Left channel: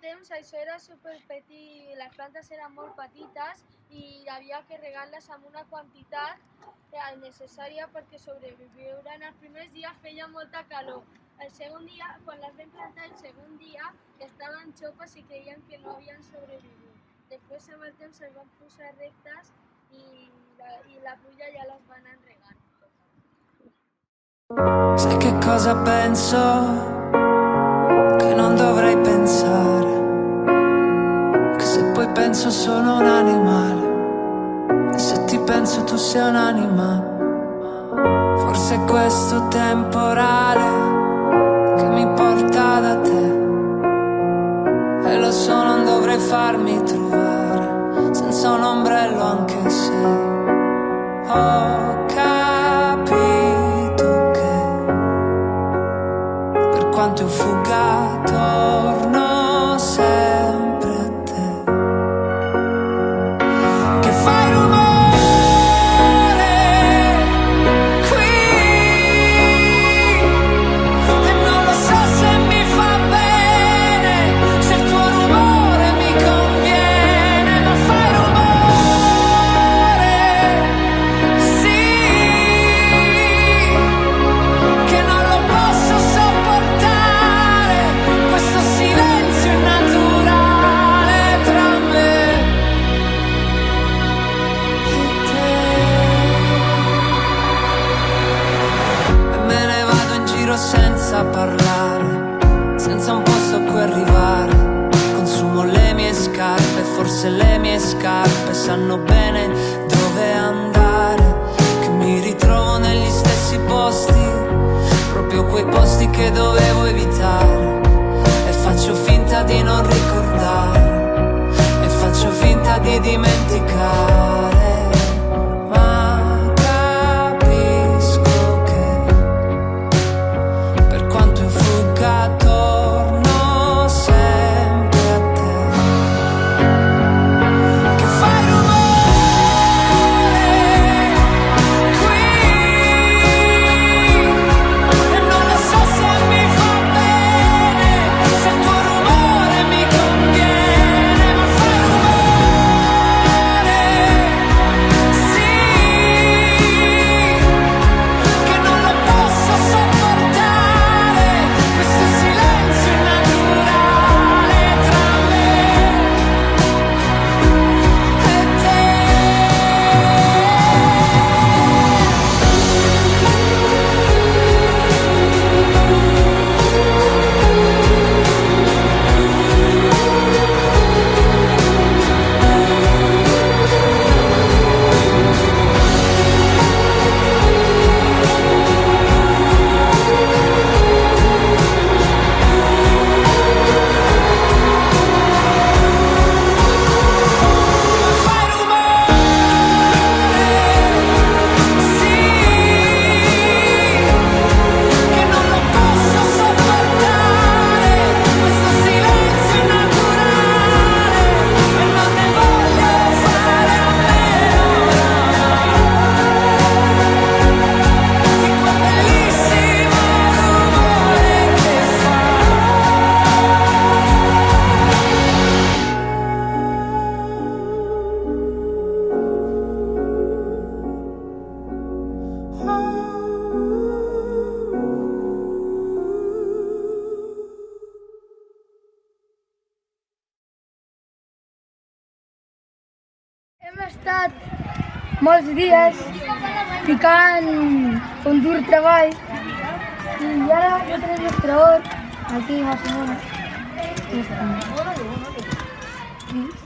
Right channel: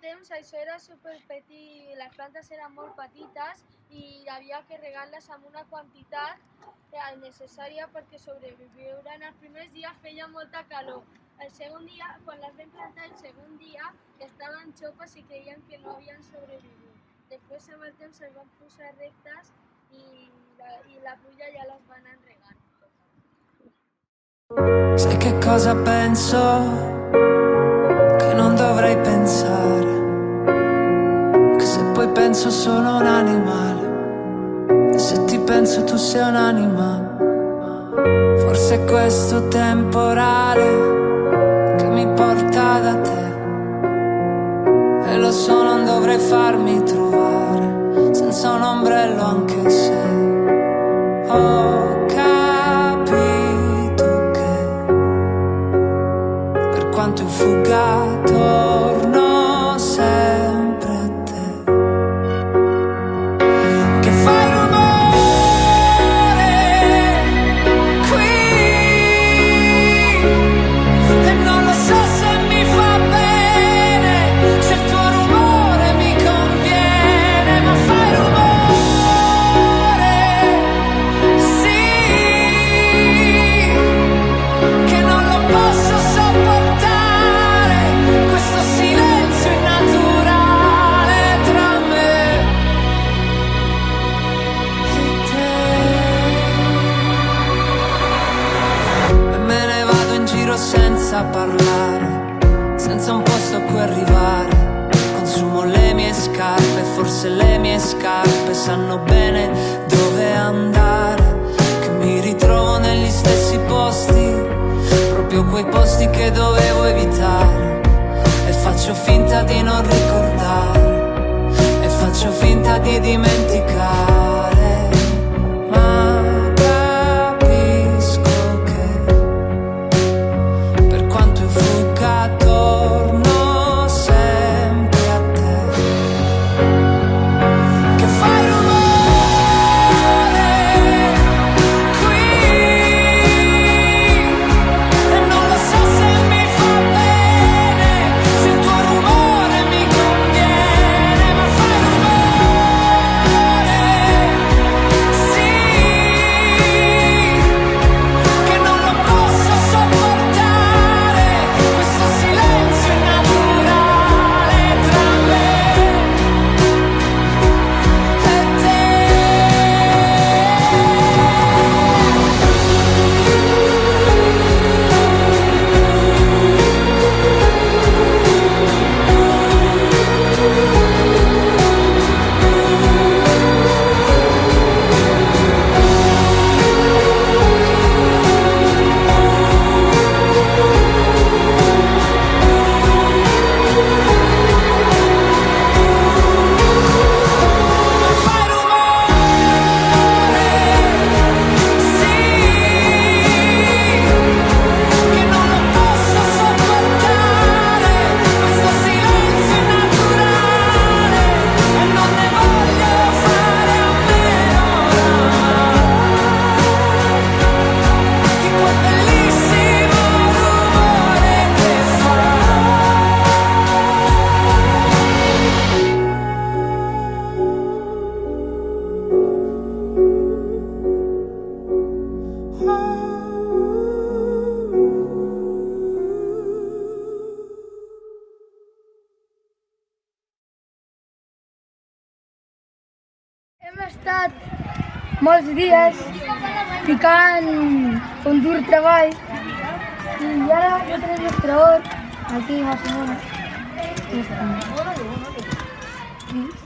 temps això era superpetit, les plantes eren molt petites i havia que regar-les amb una quantitat necessària perquè sobreviuran. Els primers dies feia molta calor. El segon dia, quan les vam plantar, el segon dia estaven xopes i creien que no havien sobreviscut. Després amb el temps es van posar rectes i la pluja ja les va anar regant. Sai che cosa penso? Che non dovrei pensare, che se poi penso sono un animale, e se ti penso tu sei un'anima. Forse è questo temporale che mi porta da te, e lo so non dovrei farmi trovare senza un ombrello, anche se ho capito che per quanto io fugga torno sempre a te, che fai rumore qui e non lo so se mi fa bene, se il tuo rumore mi conviene, ma fai rumore, sì, che non lo posso sopportare, questo silenzio innaturale tra me e te. E me ne vado in giro senza parlare, senza un posto a cui arrivare. Consumo le mie scarpe, forse le mie scarpe sanno bene dove andare, che mi ritrovo negli stessi posti, proprio quei posti che dovevo evitare, e faccio finta di non ricordare, e faccio finta di dimenticare, ma capisco che per quanto io fugga torno sempre a te, che fai rumore qui e non lo so se mi fa bene, se il tuo rumore mi conviene, ma fai rumore, sì, che non lo posso sopportare, questo silenzio innaturale tra me e te. Ma fai rumore, sì, che non lo posso sopportare, questo silenzio innaturale, e non ne voglio fare a meno oramai, di quel bellissimo rumore che fa. Hem estat molts dies ficant un dur treball i ara jo tenim l'extraor aquí més o menys.